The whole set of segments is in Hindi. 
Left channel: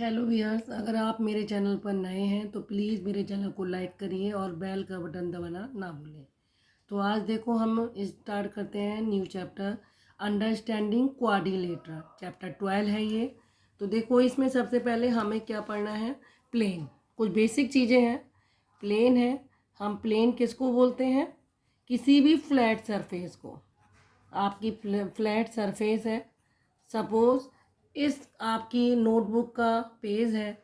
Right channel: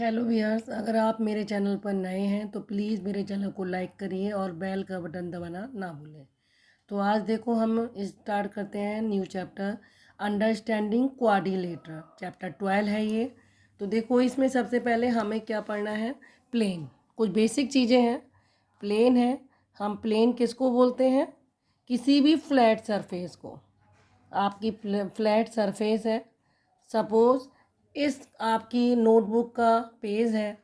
हेलो व्यूअर्स, अगर आप मेरे चैनल पर नए हैं तो प्लीज़ मेरे चैनल को लाइक करिए और बेल का बटन दबाना ना भूलें। तो आज देखो हम स्टार्ट करते हैं new chapter understanding quadrilateral. Chapter 12 है ये। तो देखो इसमें सबसे पहले हमें क्या पढ़ना है, प्लेन। कुछ बेसिक चीज़ें हैं। प्लेन है, हम प्लेन किसको बोलते हैं? किसी भी फ्लैट सरफेस को। आपकी फ्लैट सरफेस है, सपोज़ इस आपकी नोटबुक का पेज है,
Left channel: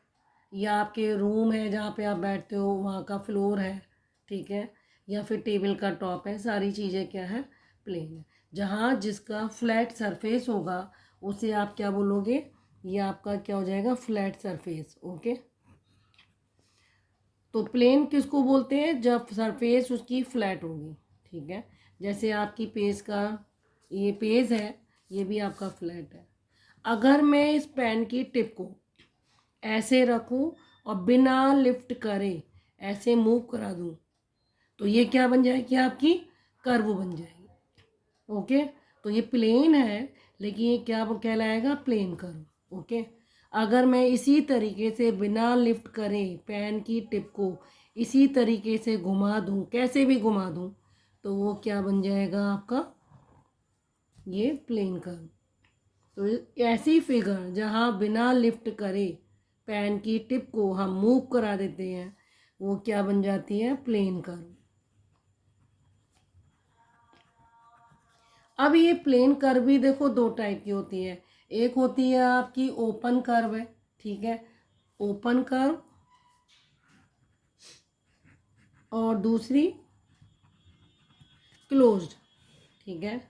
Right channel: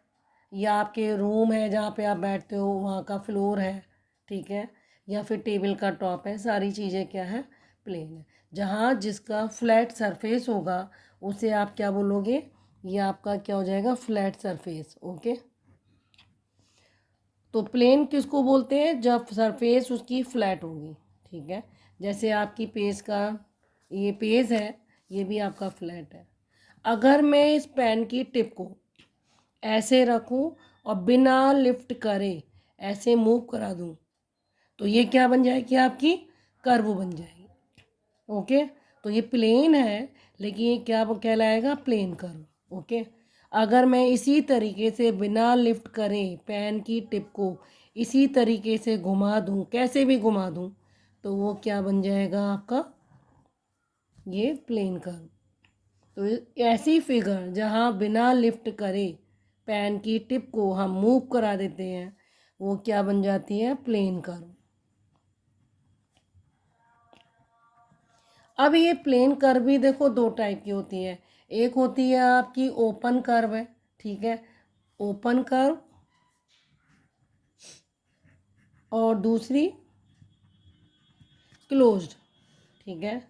या आपके रूम है जहाँ पे आप बैठते हो वहाँ का फ्लोर है, ठीक है, या फिर टेबल का टॉप है। सारी चीज़ें क्या है, प्लेन है। जहाँ जिसका फ्लैट सरफेस होगा उसे आप क्या बोलोगे, ये आपका क्या हो जाएगा, फ्लैट सरफेस। ओके। तो प्लेन किसको बोलते हैं? जब सरफेस उसकी फ्लैट होगी, ठीक है। जैसे आपकी पेज का ये पेज है, ये भी आपका फ्लैट है। अगर मैं इस पेन की टिप को ऐसे रखूं और बिना लिफ्ट करे ऐसे मूव करा दूं, तो ये क्या बन जाएगी, आपकी कर्व बन जाएगी। ओके। तो ये प्लेन है, लेकिन ये क्या कहलाएगा, प्लेन कर्व। ओके। अगर मैं इसी तरीके से बिना लिफ्ट करे पेन की टिप को इसी तरीके से घुमा दूं, कैसे भी घुमा दूं, तो वो क्या बन जाएगा, आपका ये प्लेन कर्व। तो ऐसी फिगर जहाँ बिना लिफ्ट करे पेन की टिप को हम मूव करा देते हैं, वो क्या बन जाती है, प्लेन कर्व। अब ये प्लेन कर्व भी देखो दो टाइप की होती है। एक होती है आपकी ओपन कर्व है, ठीक है, ओपन कर्व, और दूसरी क्लोज्ड, ठीक है।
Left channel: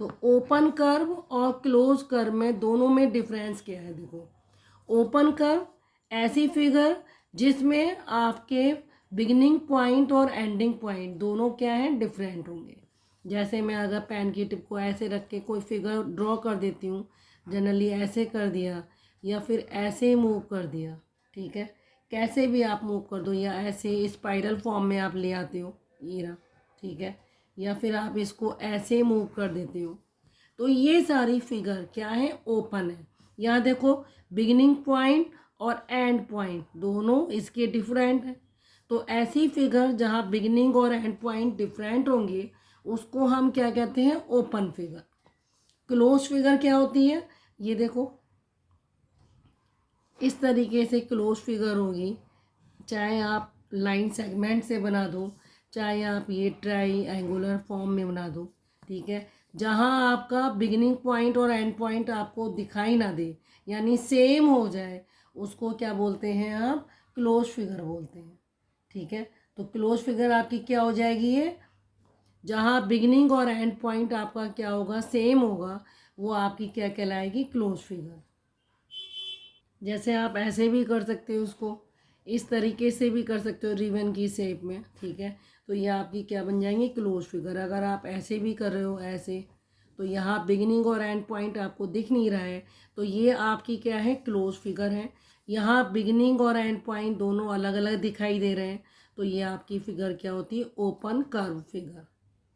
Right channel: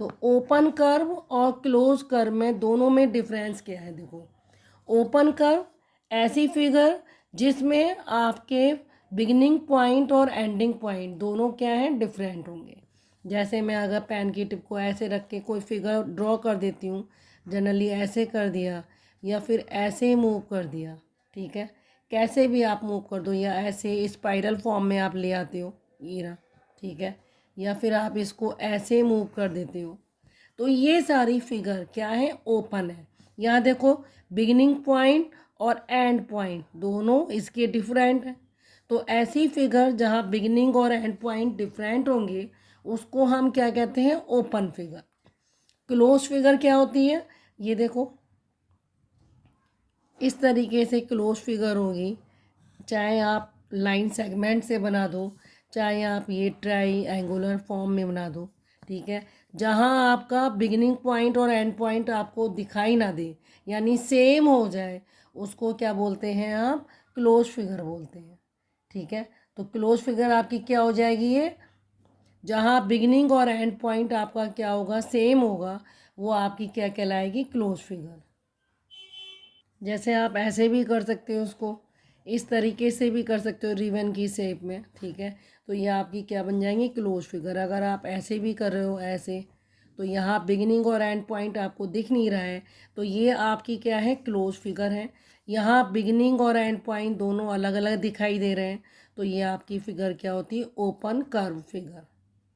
तो ओपन कर्व और क्लोज कर्व में दोनों में डिफरेंस क्या है, देखो। ओपन कर्व ऐसी फिगर जिसमें आपके बिगिनिंग पॉइंट और एंडिंग पॉइंट दोनों क्या हैं, डिफरेंट होंगे। जैसे मैं अगर पेन की टिप को ऐसे रख के कोई फिगर ड्रॉ कर देती हूँ, जनरली ऐसे कर दिया या फिर ऐसे मूव कर दिया, ठीक है, कैसे भी आप मूव कर दो, या ऐसे स्पाइरल फॉर्म में आप ले आते हो, ये रहा, ठीक है, या फिर आप इसको ऐसे मूव कर देते हो, तो ये सारी फिगर क्या है, ओपन है। यहाँ देखो बिगिनिंग पॉइंट और एंड पॉइंट दोनों इसके डिफरेंट हैं। तो ऐसी फिगर जहाँ बिगिनिंग और एंड पॉइंट डिफरेंट होंगे उसको हम क्या कहते हैं, ओपन फिगर। क्लोज फिगर क्या होती है, ये देखो इस तरीके से क्लोज फिगर होगी। चाहे आप लाइन सेगमेंट से बना दो, चाहे आप ये ट्राई एंगुलर फॉर्म में बना दो, ठीक है। जहाँ आपका बिगिनिंग पॉइंट और एंड पॉइंट आपको दिखाई ना दे, यानी सेम हो जाए, उसको क्या बोलते हैं, आप क्लोज फिगर बोलते हैं, ठीक है। तो क्लोज फिगर आपकी क्या हो जाएगी, ये जहाँ बिगिनिंग और एंड पॉइंट आपका क्या होगा, सेम होगा, वो आपकी क्या कहलाएगी, क्लोज फिगर। जैसे आप ऐसे भी कर सकते हो उसको, इस तरीके से भी कर सकते हो रिबन की शेप में, ठीक है। तो ये आपकी क्या बन जाएंगी, क्लोज फिगर। अगर आप ऐसे भी कर रहे हो ऐसे, तो यहाँ बिगिनिंग और एंड पॉइंट आपको दिख नहीं रहा है, तो ये आपकी क्या है, क्लोज फिगर है। यहाँ बिगिनिंग और एंड पॉइंट दोनों अलग अलग दिखाई दे रहे हैं, तो ये आपकी फिगर क्या होती है, ओपन कर्व फिगर,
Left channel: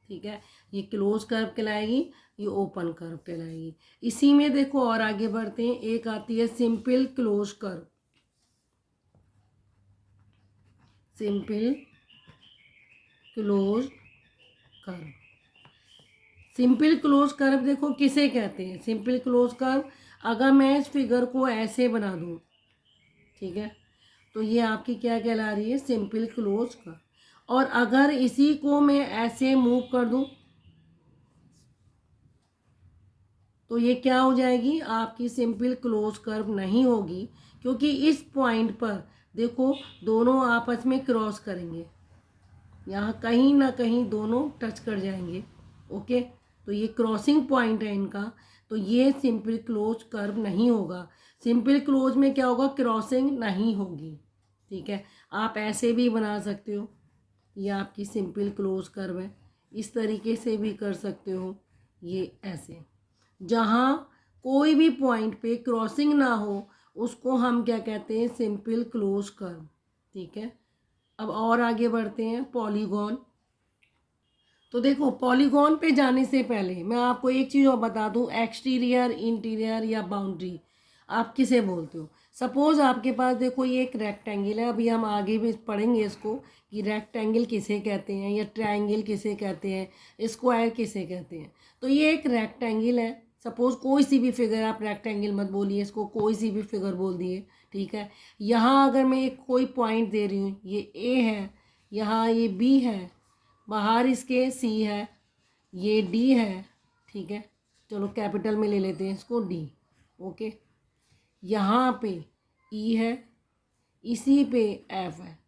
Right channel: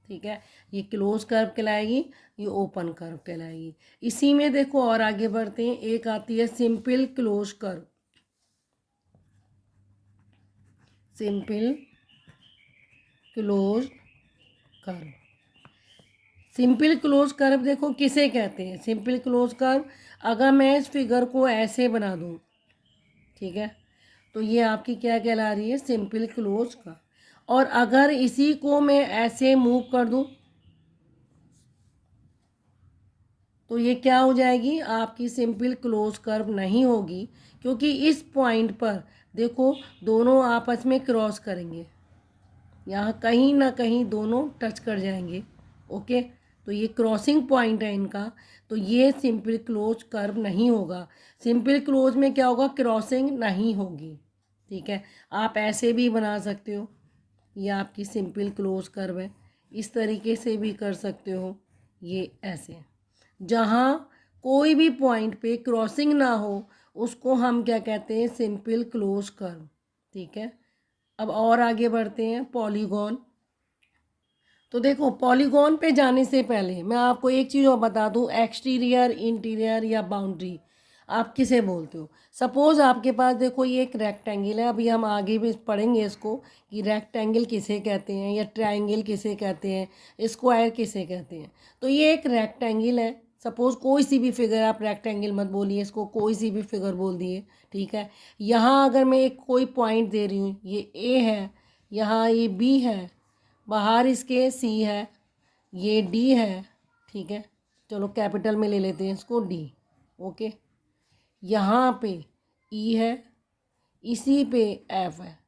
ठीक है। ये क्लोज कर्व कहलाएगी, ये ओपन कर्व कहलाएगी। इसी में देखो और आगे बढ़ते हैं, एक आती है simple close curve. Simple close curve, simple close curve देखो किसे कहते हैं, सिंपल क्लोज कर्व अगर मैं इस फिगर को ऐसे बना दूँ, ठीक है, तो ये आपकी क्या कहला रही है, सिंपल क्लोज कर्व। और अगर इसी को मैं ऐसे मूव कर दूँ, तो ये क्या हो जाएगी, आपकी सिंपल क्लोज कर्व नहीं होगी, क्योंकि इस पॉइंट पर देखो दोनों आपस में क्रॉस करेंगे, यहाँ कहीं ना कहीं दोनों टच कर जाएंगे। ओके। तो ये क्रॉसिंग पॉइंट है इनका, तो ये सिंपल क्लोज कर्व नहीं होगा। सिंपल क्लोज में क्या होगा, क्रॉसिंग नहीं होगी, ठीक है। आप ऐसे भी बना सकते हो, ये आपकी सिंपल क्लोज कर्व है। इस तरीके से भी कर सकते हो, ये ऐसे। जहाँ कोई भी पॉइंट पे क्रॉसिंग ना हो उसको हम क्या कहते हैं, सिंपल क्लोज कर्व, ठीक है। अब और आगे बढ़ते हैं, पॉलीगॉन। तो देखो पॉलीगॉन पे जाने से पहले मैं आपको एक चीज़ और बता दूं, एक्सटीरियर, इंटीरियर या बाउंड्री। आप किसे बोलते हो। सपोज़ आपके पास देखो ये एक रेक्टेंगल है, अभी हम आगे भी पढ़ेंगे इसको कि रेक्टेंगल किसे कहते हैं या ट्रायंगल किसे कहते हैं, स्क्वायर किसे कहते हैं। तो ये एक रेक्टेंगल है, सपोज़ कोई सी भी फिगर, आप रेक्टेंगल मत बोलिए इसको, कोई सी भी फिगर बोल दिए, ठीक है। यहाँ अगर मैं एक कोई पॉइंट दे रही हूँ, ये ए है, यहाँ ये बी है, बाहर इसके सी है, ये डी है, ठीक है। चलो कैपिटल में ले लेते हैं इसको डी, ओके। यहाँ पे ई है, इसी पे एफ है।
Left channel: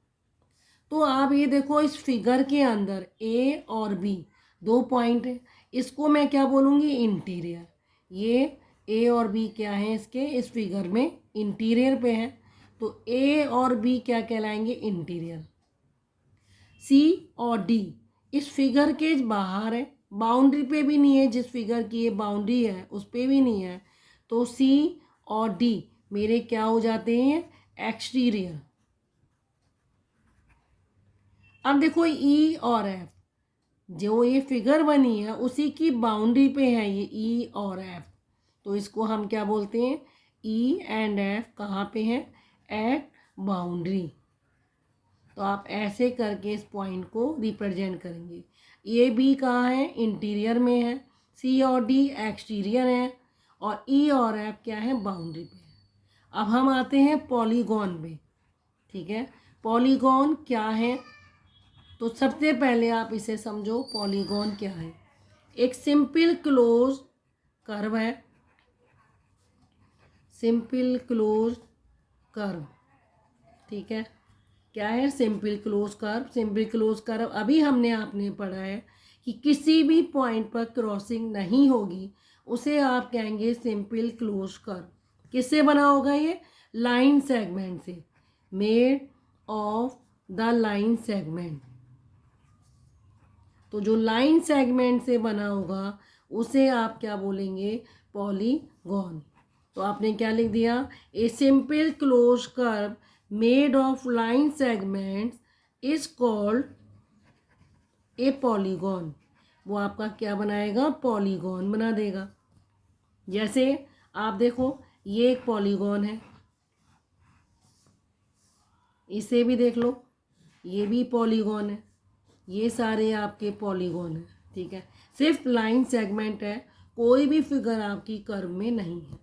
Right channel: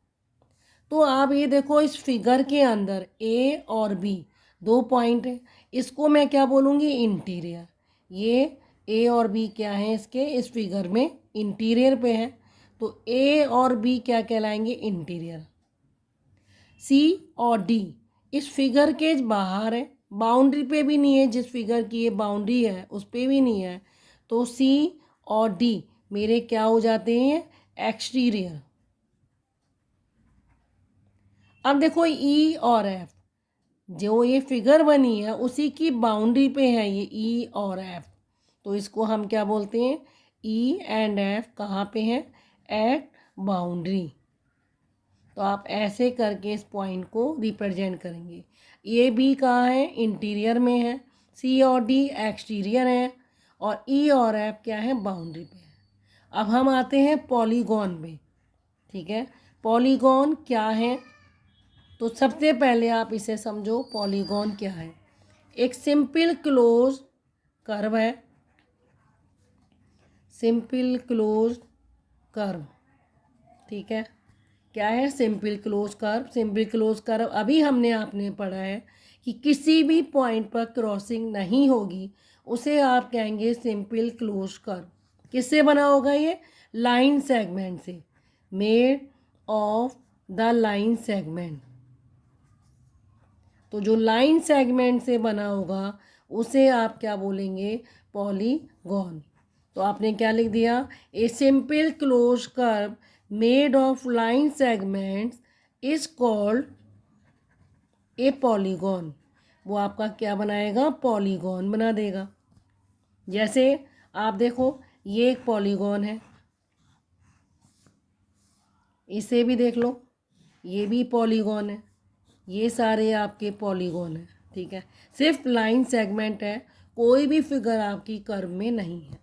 तो आप ये देखो इस फिगर के अंदर ए और बी दो पॉइंट है, इसको मैं क्या बोलूँगी, इंटीरियर। ये ए और बी क्या है इसके, इस फिगर में इंटीरियर पे है, तो ए और बी क्या कहलाएंगे, इंटीरियर। सी और डी इस फिगर के बाहर है, बाउंड्री पे भी नहीं है, जिस फिगर की ये बाउंड्री है उस पे भी नहीं है, तो सी और डी मेरे क्या हो जाते हैं, एक्सटीरियर। अब देखो ई और एफ, जो ये फिगर बनी है उसी की बाउंड्री पे है ये ई और एफ, तो इसको हम क्या बोलते हैं, ई एंड एफ कहाँ पे है, एट बाउंड्री। तो आप ऐसे करके इस पॉइंट को रिप्रेजेंट करेंगे। ये बी कहाँ है, इंटीरियर में है, सी और डी एक्सटीरियर है, और ई और एफ क्या है, बाउंड्री पे है। अब हम आते हैं पॉलीगॉन पे, ठीक है। पॉलीगॉन क्या है, तो सबसे पहले आप इसे समझो, पॉलीगॉन क्या है। एक सिंपल क्लोज कर्व है, सिंपल क्लोज कर्व, ठीक है। क्या है, simple close curve. Simple close curve अभी हमने आपने पढ़ा है कि किसी भी पॉइंट पर क्रॉसिंग नहीं होगी, उसे आप कहेंगे सिंपल क्लोज कर्व। किससे बना होगा ये, लाइन सेगमेंट से, made of the line segment. तो जो लाइन सेगमेंट से बना होगा उसे आप क्या बोलेंगे, पॉलीगॉन। तो आपने क्या लिख दिया, a simple close curve made of line segments is called a polygon. वो आपका क्या बनाएगा, पॉलीगॉन बना देगा। जैसे आप देखो ये एक पॉलीगॉन है, इसे भी देख लो, ये भी पॉलीगॉन है, ये सारे आपके पॉलीगॉन हैं, ठीक है। सिर्फ लाइन सेगमेंट है, कोई भी फिगर आपकी कर्व में नहीं है,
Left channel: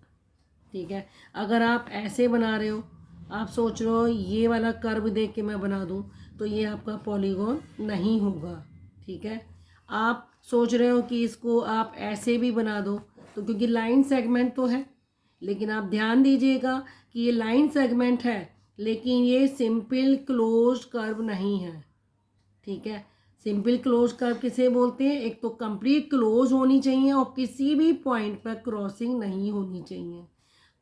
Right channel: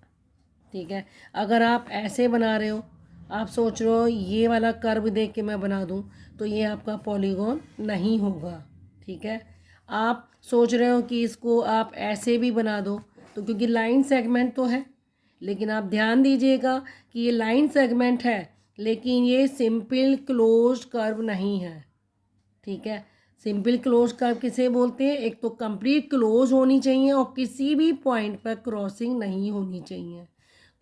ठीक है। अगर आप ऐसे बना रहे हो, आप सोच रहे हो ये वाला कर्व देख के मैं बना दूं, तो ये आपका पॉलीगॉन नहीं होगा, ठीक है। आप सोच रहे हो कि इसको आप ऐसे भी बना दो, तो क्योंकि लाइन सेगमेंट तो है, लेकिन आप ध्यान दीजिएगा कि ये लाइन सेगमेंट है लेकिन ये सिंपल क्लोज कर्व नहीं है, ठीक है। सिंपल क्लोज कर्व किसे बोलते हैं, एक तो कंप्लीट क्लोज होनी चाहिए और किसी भी पॉइंट पर क्रॉसिंग नहीं होनी चाहिए,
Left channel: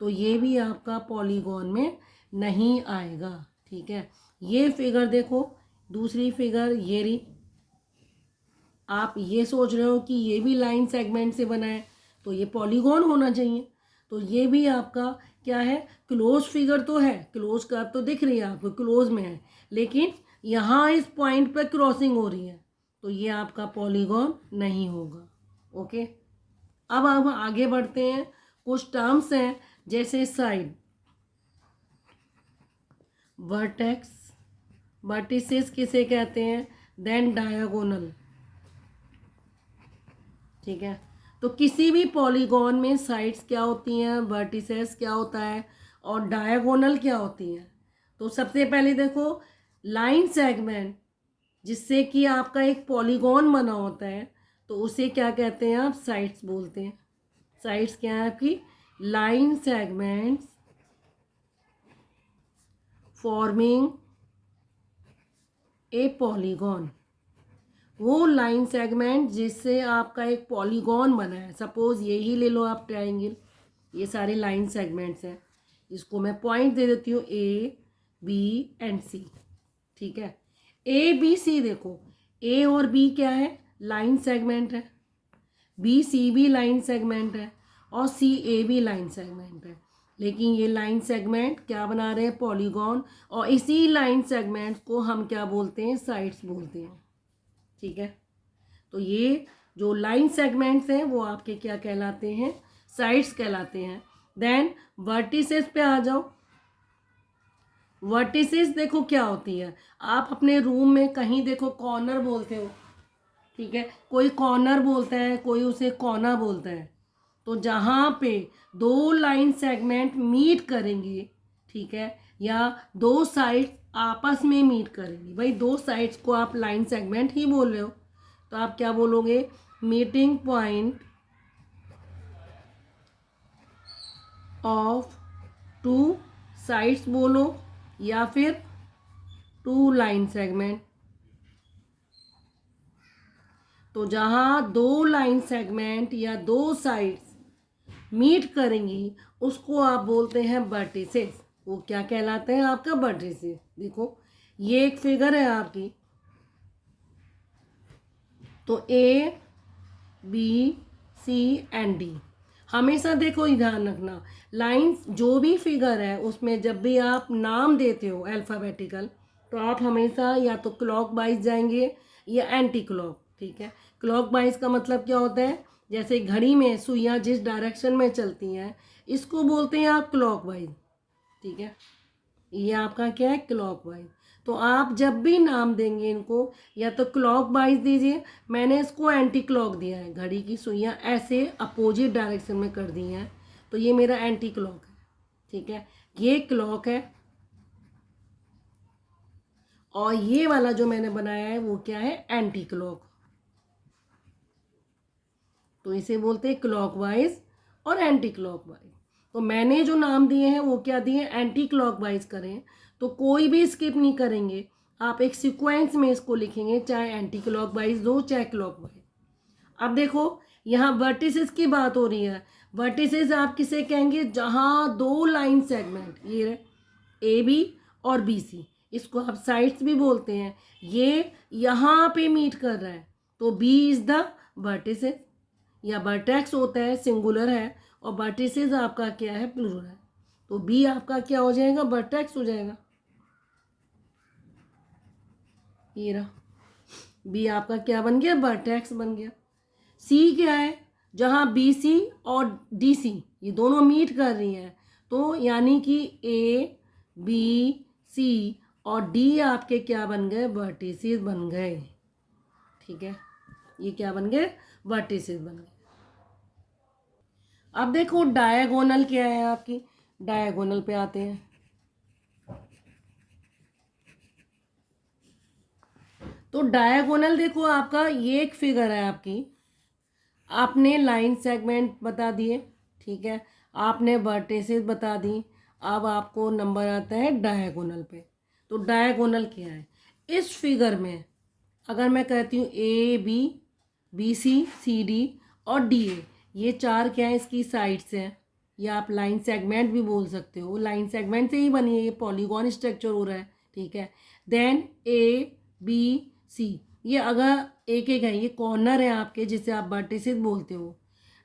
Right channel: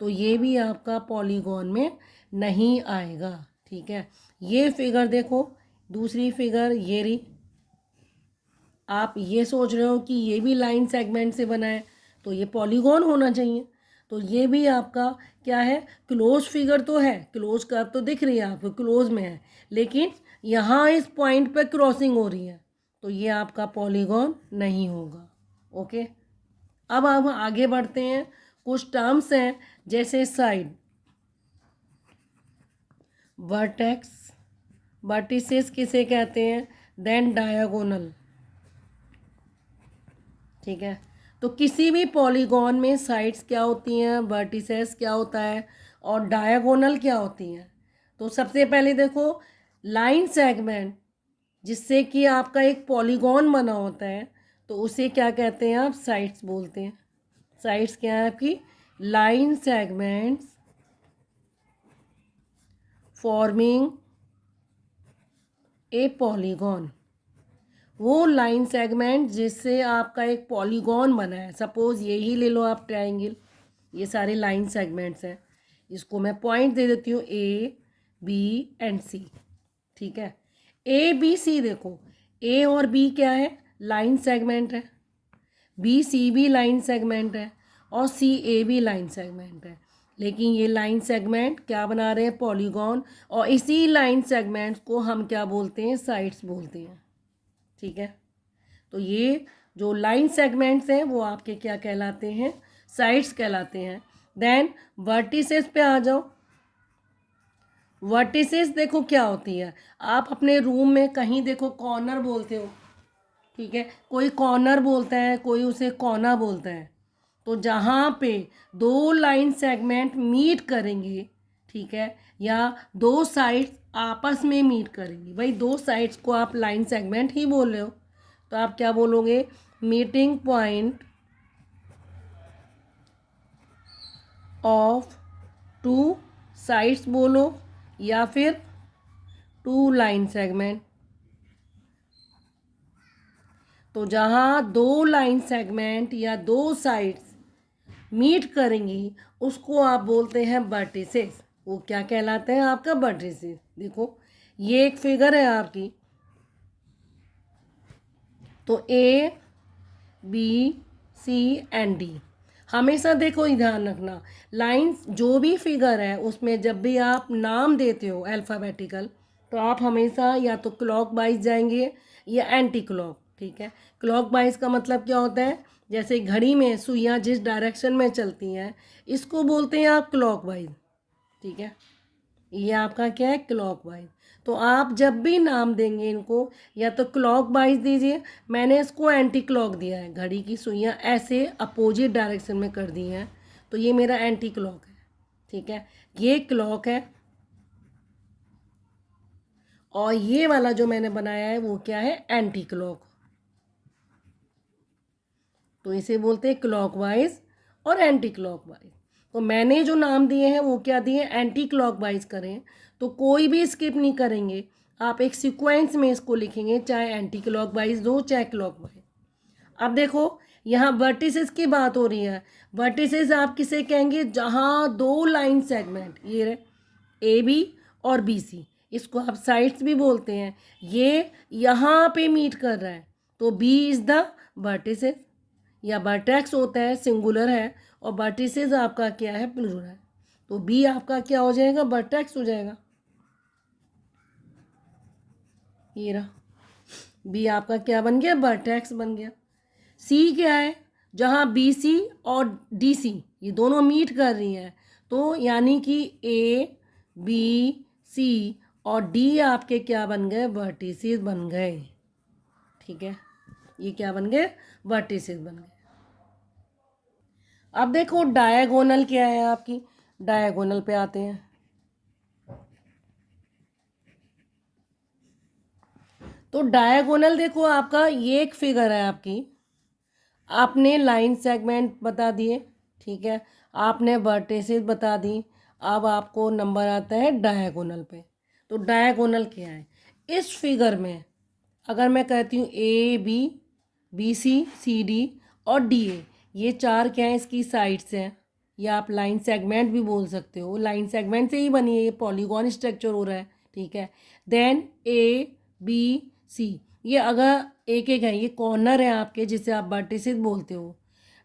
तो ये भी आपका पॉलीगॉन में नहीं आएगा, ठीक है। ये फिगर देखो, दूसरी फिगर ये रही, आप ये सोच रहे हो कि ये भी लाइन सेगमेंट से बना है तो ये पॉलीगॉन होना चाहिए, तो ये भी आपका क्या है, क्लोज फिगर तो है, क्लोज कर्व तो दिख रही है आपको, क्लोज में है, लेकिन यहाँ इस पॉइंट पे क्रॉसिंग हो रही है, तो ये आपका पॉलीगॉन नहीं होगा, ओके। अब हम आगे बढ़ते हैं, कुछ टर्म्स हैं जैसे साइड, वर्टेक्स, वर्टिसेस किसे कहते हैं, देन डायगोनल, ठीक है। तो किसी भी पॉलीगॉन में साइड्स क्या होती हैं, वर्टिसेस क्या होता है, और डायगोनल क्या होती हैं। तो सबसे पहले देखो लाइन सेगमेंट, जिससे कि आपका एक पॉलीगॉन बना होता है, तो उसे क्या कहते हैं, आप साइड्स बोलते हैं। साइड्स क्या है आपकी, line segments forming a polygon. वो लाइन सेगमेंट जिससे आपका एक पॉलीगॉन बना है, सपोज़ यही ले लो आप ट्रायंगल, ये सारे लाइन सेगमेंट्स हैं, इसको मैं पॉइंट दे देती हूँ ए बी एंड सी, ठीक है। ए बी सी देखो, ए और बी क्या है, लाइन सेगमेंट है, बी सी भी लाइन सेगमेंट है, और सी ए भी लाइन सेगमेंट है, लेकिन ये लाइन सेगमेंट क्या बना रहे हैं, पॉलीगॉन, और इसी लाइन सेगमेंट्स को हम क्या बोलते हैं, साइड्स बोलते हैं, ठीक है। तो ये जो लाइन सेगमेंट्स हैं वो आपके क्या कहलाते हैं, साइड्स कहलाते हैं। देन वर्टिसेस पे आ जाओ। वर्टिसेस देखो क्या होती है, आप अपने रूम में कहीं देखो कॉर्नर बोलते हो, ठीक है, कोई कॉर्नर बोलता है, कोई उसे कोना बोलता है। तो जहाँ पे दो लाइन सेगमेंट मीट करेंगे, ठीक है, या दो साइड्स आपस में मीट करेंगे, भाई दो साइड्स को आप लाइन सेगमेंट ही बोल रहे हो, तो आप क्या बोलोगे, meeting point of two sides बोलो, या फिर टू लाइन सेगमेंट। तो जहाँ दो लाइन सेगमेंट या दो साइड्स मीट करेंगी उसको आप बोलते हैं वर्टिसेस। वो क्या कहलाते हैं, आपका वर्टिसेस। देखो ये एक फिगर है आपकी, तो A B C and D. हमेशा देखो ही ध्यान रखना, लाइंस जो भी फिगर है उसमें जब भी आप नाम देते हो अल्फ़ाबेटिकल, तो आप हमेशा या तो क्लॉक वाइज जाएंगे या एंटी क्लॉक, ठीक है। क्लॉक वाइज का मतलब क्या होता है, जैसे घड़ी में सुइयाँ जिस डायरेक्शन में चलती हैं, इसको बोलते हैं आप क्लॉक वाइज, ठीक है। ये आपका क्या है, क्लॉक वाइज। तो आप जब भी नाम देंगे इनको, या तो क्लॉक वाइज दीजिए, मैंने इसको एंटी क्लॉक दिया है, घड़ी की सुइयाँ ऐसे अपोजिट डायरेक्शन में कर दी हैं, तो ये मेरा एंटी क्लॉक है, ठीक है। ये क्लॉक है, और ये वाला जो मैंने बनाया है वो क्या है, एंटी क्लॉक। तो इसे बोलते हैं क्लॉक वाइज और एंटी क्लॉक वाइज। तो मैंने जो नाम दिए हैं वो क्या दिए, एंटी क्लॉक वाइज करें तो कोई भी स्किप नहीं करेंगे, आप एक सीक्वेंस में इसको लिखेंगे, चाहे एंटी क्लॉक वाइज दो चाहे क्लॉक वाइज। अब देखो यहाँ वर्टिसेस की बात हो रही है। वर्टिसेस आप किसे कहेंगे, जहाँ दो लाइन सेगमेंट, ये रहे ए बी और बी सी, इसको आप साइड्स भी बोलते हैं, ये यहाँ पे मीट कर रहा है, तो बी इज़ द वर्टिसेस। या वर्टेक्स होता है, सिंगुलर है, और वर्टिसेस आपका क्या है, प्लूरल है, तो बी आपका क्या हो जाएगा, वर्टेक्स हो जाएगा। ये रहा बी आपका क्या बन गया, वर्टेक्स बन गया। सी क्या है, जहाँ बी सी और डी सी ये दोनों मीट कर रही हैं, तो यानी कि ए बी सी और डी आपके क्या बन गए, वर्टिसेस बन गए, ठीक है। ये क्या बन गए, वर्टिसेस बन गए। अब देखो डायगोनल क्या है आपकी, डायगोनल पे आते हैं। तो डायगोनल देखो आपका ये एक फिगर है आपकी, आपने लाइन सेगमेंट बता दिए, ठीक है, आपने वर्टिसेस बता दी, अब आपको नंबर आता है डायगोनल पे। तो डायगोनल क्या है, इस फिगर में अगर मैं कहती हूँ A B, B C, C D और डी ए, ये चार क्या है, इसकी साइड्स हैं, या आप लाइन सेगमेंट भी बोल सकते हो, लाइन सेगमेंट से ही बनी है, ये पॉलीगॉन स्ट्रक्चर हो रहा है, ठीक है। देन ए बी सी, ये अगर एक एक है, ये कॉर्नर है आपके जिसे आप वर्टिसेस बोलते हो।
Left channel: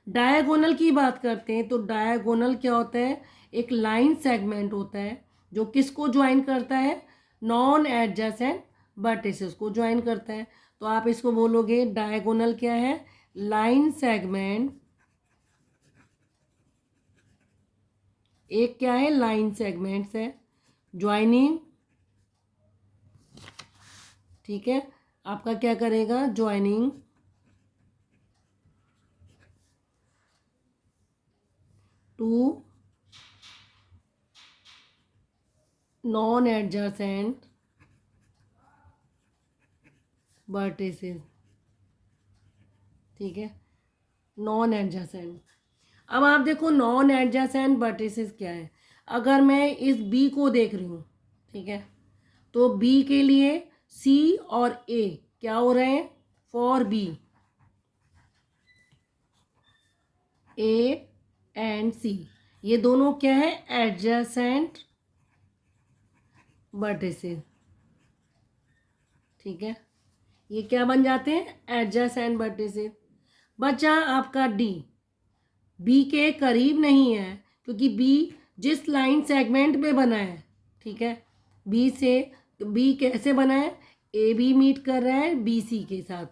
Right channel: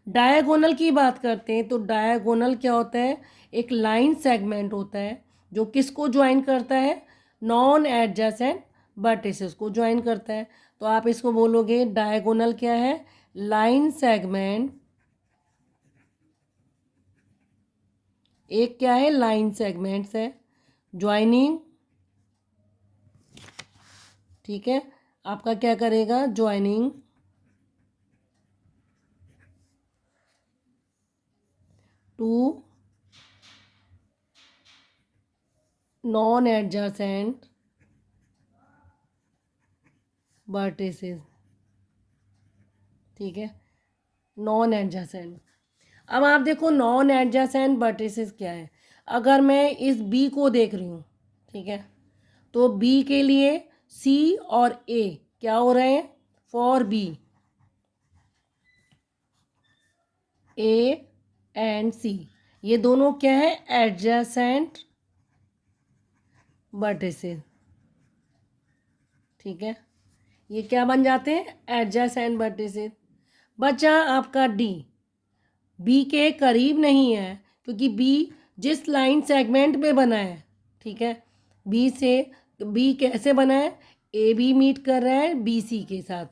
डायगोनल की बात करते हैं, तो डायगोनल क्या होता है, एक लाइन सेगमेंट होता है जो किसको ज्वाइन करता है, नॉन एडजेसेंट वर्टिसेस को ज्वाइन करता है। तो आप इसको बोलोगे डायगोनल क्या है, लाइन सेगमेंट, एक क्या है, लाइन सेगमेंट्स है ज्वाइनिंग, ठीक है, आपका क्या करेगा, joining two non adjacent vertices, ठीक है, नॉन एडजेसेंट। अब आप देखो नॉन एडजेसेंट वर्टिसेस क्या है, अगर मैं इस बी को देख रही हूँ, ठीक है, तो बी के लिए सी और ए क्या हो रहे हैं, फॉर बी ए एंड सी, ये दोनों क्या है, एडजेसेंट वर्टिसेस, ठीक है, ये क्या बन जाते हैं, एडजेसेंट वर्टिसेस। बचा आपका डी, बी के करीब नहीं है, क्योंकि बी जिस लाइन सेगमेंट में बना है, ठीक है, बी से, बी कैसे बना है, ए बी मीट कर रहा है बी सी के साथ,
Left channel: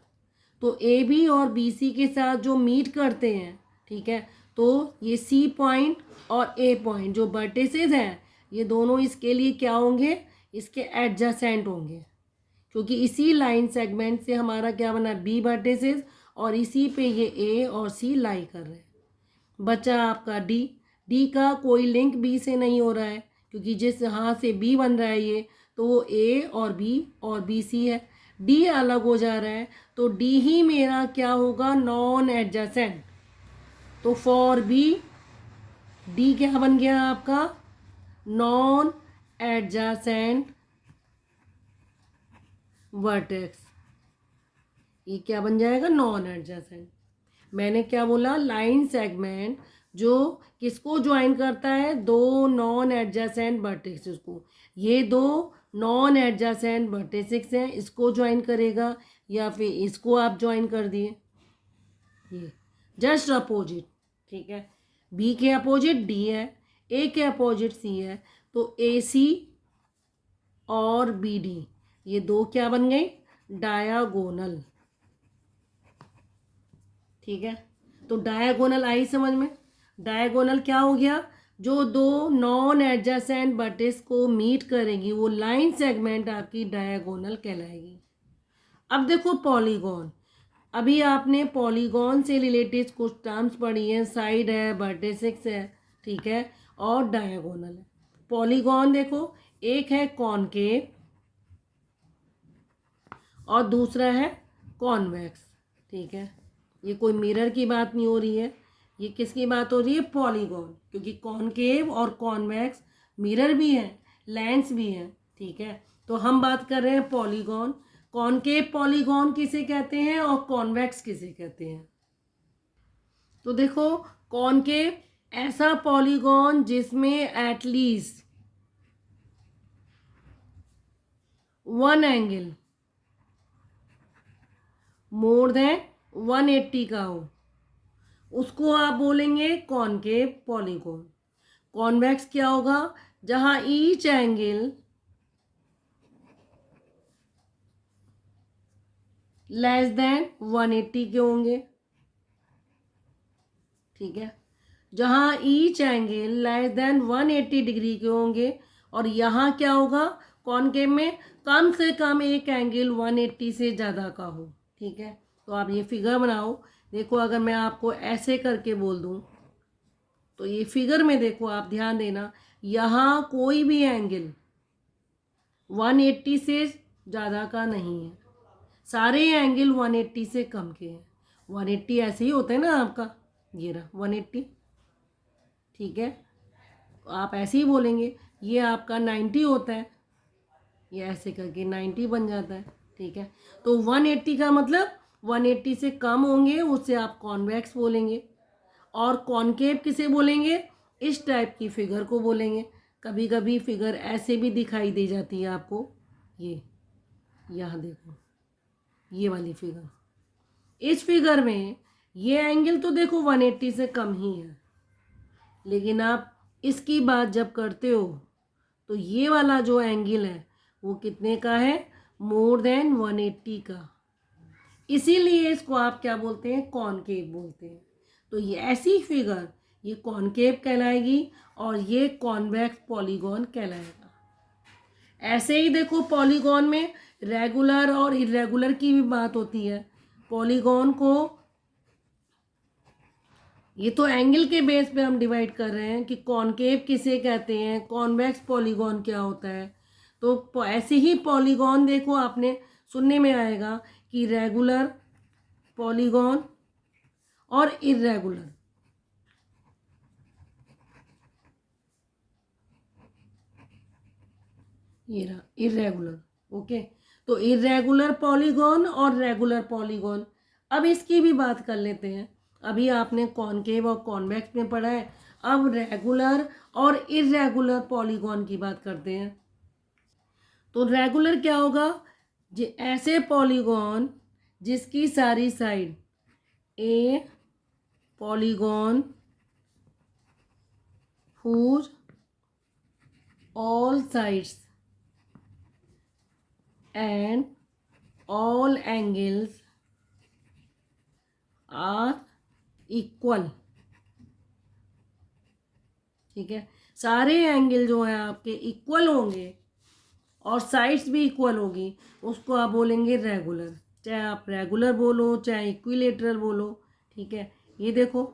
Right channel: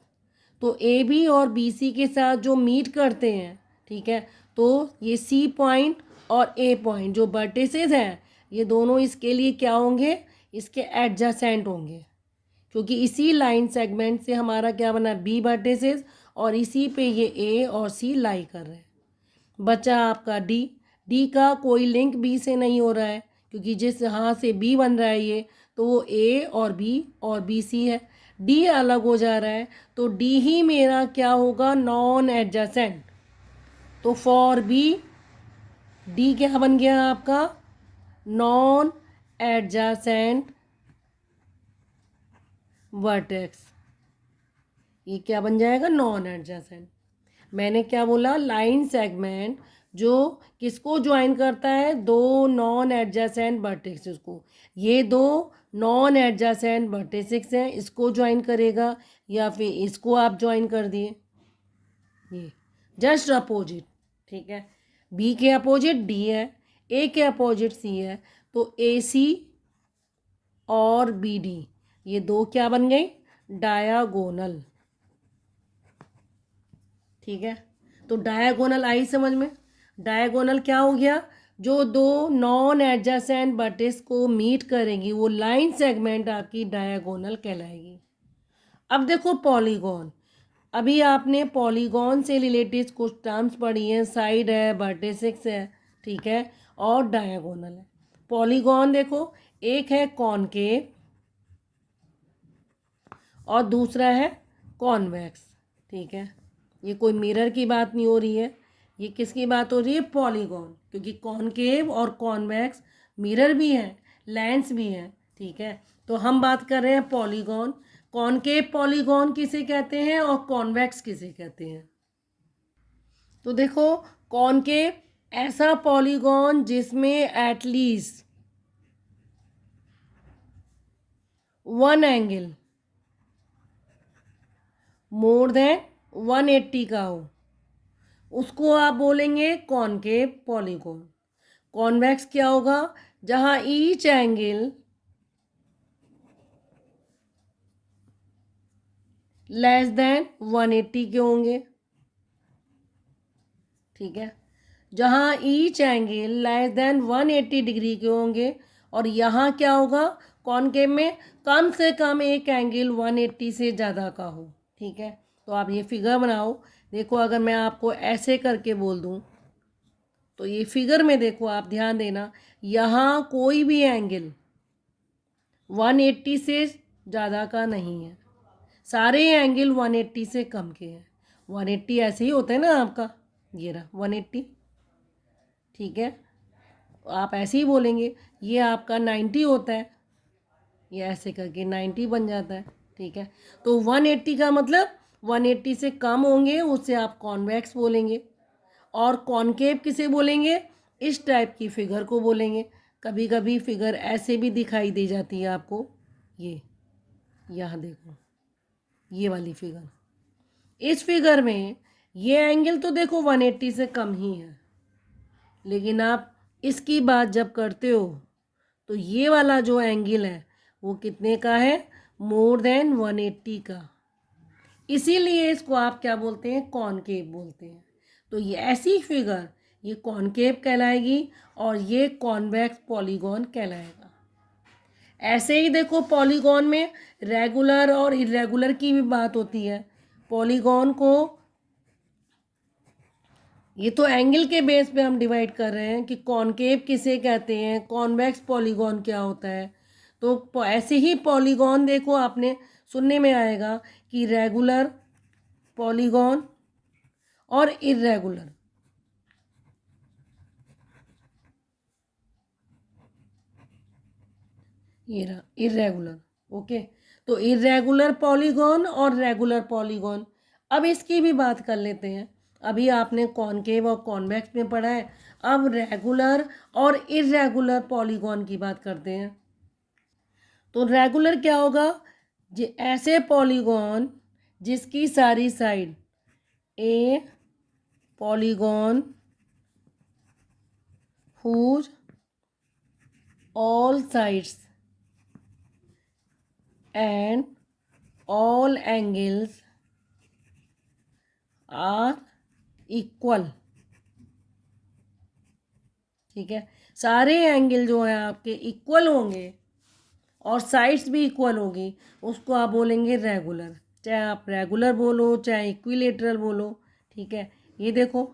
तो ए बी और बी सी के साथ जो मीट करते हैं, ठीक है, तो ये सी पॉइंट और ए पॉइंट जो वर्टिसेस हैं ये दोनों इसके लिए क्या होंगे, इसके एडजेसेंट होंगे, क्योंकि इसी लाइन सेगमेंट से हमारा क्या बना, बी वर्टिसेस, और इसी पे ये ए और सी लाई कर रहे हैं। बचा आपका डी। डी का कोई लिंक बी से नहीं हो रहा है, क्योंकि जिस यहाँ से बी बन रहा है ये, तो वो ए और बी सी है। डी अलग हो जा रहा है, तो डी ही मेरा क्या होगा, नॉन एडजेसेंट। तो फॉर बी डी क्या बन गया आपका, नॉन एडजेसेंट वर्टेक्स। ये क्या बन जाएगा, नॉन एडजेसेंट। मैंने क्या बोला, लाइन सेगमेंट जो किसको ज्वाइन करता है, दो नॉन एडजेसेंट वर्टेक्सेस को। ये दो नॉन एडजेसेंट वर्टेक्सेस हैं, इसको ज्वाइन करेगा या फिर इसको आप ज्वाइन कर दिए, ये जस्ट अपोजिट। ठीक है, बी के अपोजिट डी है, ए के अपोजिट सी है, तो ए सी और बी डी ये दो क्या बन गई, डायागोनल। ठीक है, तो डायगोनल आई समझ में। डायगोनल क्या हो गया, जो दो नॉन एडजेसेंट वर्टेक्स को मीट करेंगी वो लाइन सेगमेंट आपकी डायगोनल कहलाएगी। अब देखो पॉलीगॉन, अभी आपने पॉलीगॉन से रिलेटेड कुछ टर्म्स पढ़ी हैं, साइड है, वर्टेक्स है, ठीक है, और डायगोनल है। पॉलीगॉन देखो, एक है कॉनकेव और दूसरा है कॉन्वेक्स। ठीक है, ये कोई मिरर की बात नहीं हो रही है, ये किसकी बात हो रही है, पॉलीगॉन, क्योंकि कॉनकेव और कॉन्वेक्स मिरर भी हैं, लेंस भी हैं। ठीक है, तो हम बात कर रहे हैं पॉलीगॉन। कॉनकेव पॉलीगॉन किसे कहते हैं और कॉन्वेक्स किसे कहते हैं। तो देखो, कॉनकेव ऐसा पॉलीगॉन जिसमें at least one angle more than 180 का हो, उसको आप बोलेंगे कॉनकेव पॉलीगॉन। कॉन्वेक्स क्या होगा, जहां ईच एंगल लेस देन 180 के होंगे। ठीक है, जहां each angle less than 180 degree के होंगे, और यहाँ क्या होगा, कॉनकेव में कम से कम एक एंगल 180 से ज़्यादा का हो। ठीक है, तो आप ये फिगर बनाओ। देखो, अगर मैं आपको ऐसे करके बोल दूँ, तो ये फिगर में देखो, आप ध्यान देना, यहाँ कोई भी एंगल 180 से ज़्यादा का नहीं है, सारे एंगल 180 से कम के हैं। 180 ऐसे ही होता है ना आपका, ये रहा 180। ठीक है, आप ऐसे ही बोलेंगे, ये आपका 90 होता है, ये ऐसे करके 90 बन जाता है। ठीक है, तो 180 का मतलब 180 से कम होंगे, उससे आप कॉन्वेक्स बोलेंगे। और कॉनकेव किसे बोलेंगे, इस टाइप की फिगर को बोलेंगे। कभी कभी फिगर ऐसे भी दिखाई दे जाती है आपको, ये यहाँ देखो, ये वाली फिगर। इस फिगर में ये एंगल तो देखो 180 से कम ही है, लेकिन आप इसकी बात जब करते हो तो ये वाला जो एंगल है वो कितने का है, मोर देन 180 का। इसीलिए इसको आप क्या बोलते हैं, कॉनकेव बोलते हैं। तो ये ऐसी फिगर ये कॉनकेव कहलाएगी और ये कॉन्वेक्स पॉलीगॉन कहलाएगा। ऐसे ही देखो, पॉलीगॉन में रेगुलर और इरेगुलर की भी बात होती है। पॉलीगॉन को, ये तो एंगल के बेस पे हम डिवाइड कर रहे हैं कि कॉनकेव किसे कहते हैं, कॉन्वेक्स पॉलीगॉन क्या होता है। तो ऐसे ही पॉलीगॉन देखो, आपने सुनने में आएगा कि रेगुलर पॉलीगॉन और इरेगुलर। ये रहा इरेगुलर। ओके, तो इरेगुलर पॉलीगॉन और रेगुलर पॉलीगॉन, अब इसकी भी बात कर लेते हैं। अभी आपने कॉनकेव और कॉन्वेक्स में पढ़ा है, अब रेगुलर और इरेगुलर पॉलीगॉन की बात करते हैं। तो रेगुलर क्या होगा, ऐसे पॉलीगॉन जिसकी सारी side, A polygon whose all sides and all angles are equal ठीक है। सारे एंगल जो है आपके इक्वल होंगे और साइड्स भी इक्वल होगी, उसको आप बोलेंगे रेगुलर। चाहे आप रेगुलर बोलो चाहे इक्विलेटरल बोलो, ठीक है। ये देखो,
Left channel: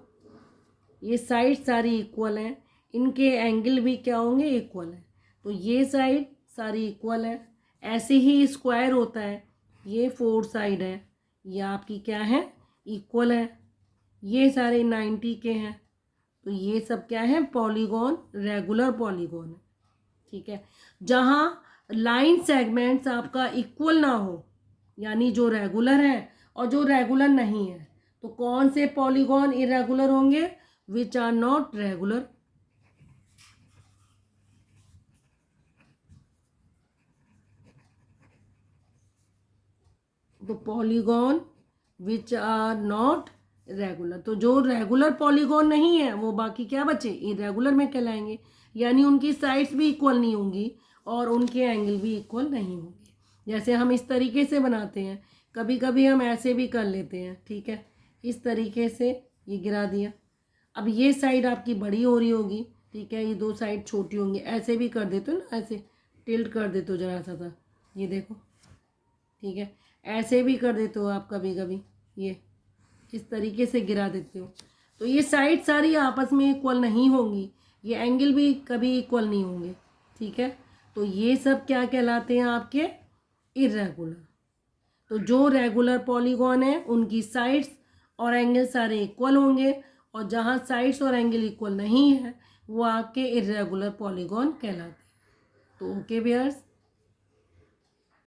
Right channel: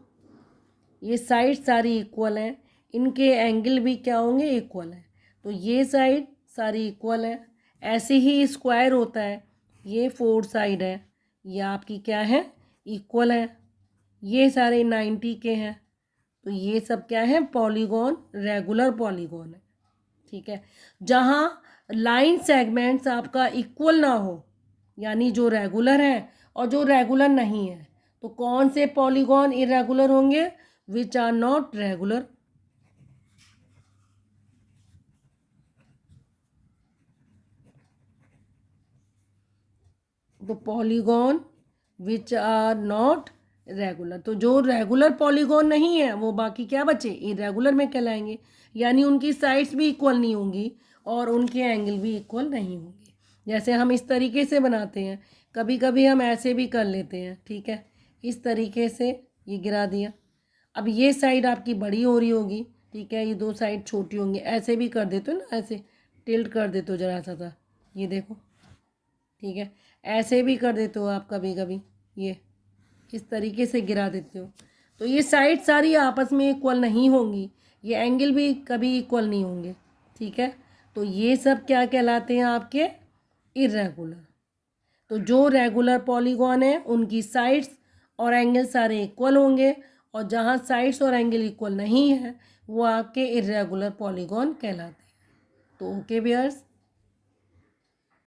ये साइड सारी इक्वल हैं, इनके एंगल भी क्या होंगे, इक्वल है। तो ये साइड सारी इक्वल है। ऐसे ही स्क्वायर होता है, ये फोर साइड है, ये आपकी क्या है, इक्वल है। ये सारे 90 के हैं, तो ये सब क्या है, पॉलीगॉन, रेगुलर पॉलीगॉन है, ठीक है। जहाँ लाइन सेगमेंट्स आपका इक्वल ना हो, यानी जो रेगुलर है और जो रेगुलर नहीं है, तो कौन से पॉलीगॉन इरेगुलर होंगे, विच आर नॉट रेगुलर। तो polygon which are not regular, तो जो रेगुलर पॉलीगॉन नहीं है वो बाकी क्या बचे, इरेगुलर में कहलाएंगे। यानी उनकी साइड्स भी इक्वल नहीं होंगी और उनके एंगल भी इक्वल नहीं होंगे। जैसे हम इस तरीके से बनाते हैं, कभी कभी हम ऐसे भी कर लेते हैं, ठीक है। इस तरीके से ये गिरा दिया, अब ये साइड आपकी बड़ी हो रही होगी, ठीक है, ये दो साइड छोटी होंगी। ऐसे भी कर देते हो ना, ऐसे टिल्ट कर देते हो जरा सा, ये देखो, ठीक है। ऐसे भी कर देते हो आप कभी कभी, ये इस तरीके से गिरा देते हो। तो ये साइड सारी आपस में इक्वल नहीं होंगी, ये एंगल भी कभी इक्वल नहीं होंगे, ठीक है। तो ये सब क्या कहलाते हैं, आपके इरेगुलर। तो जो रेगुलर पॉलीगॉन है उनकी साइड्स और एंगल सारे इक्वल होंगे, और जहाँ साइड्स और एंगल इक्वल नहीं है वो आपके इरेगुलर पॉलीगॉन कहलाते हैं। तो ओके व्यूअर्स,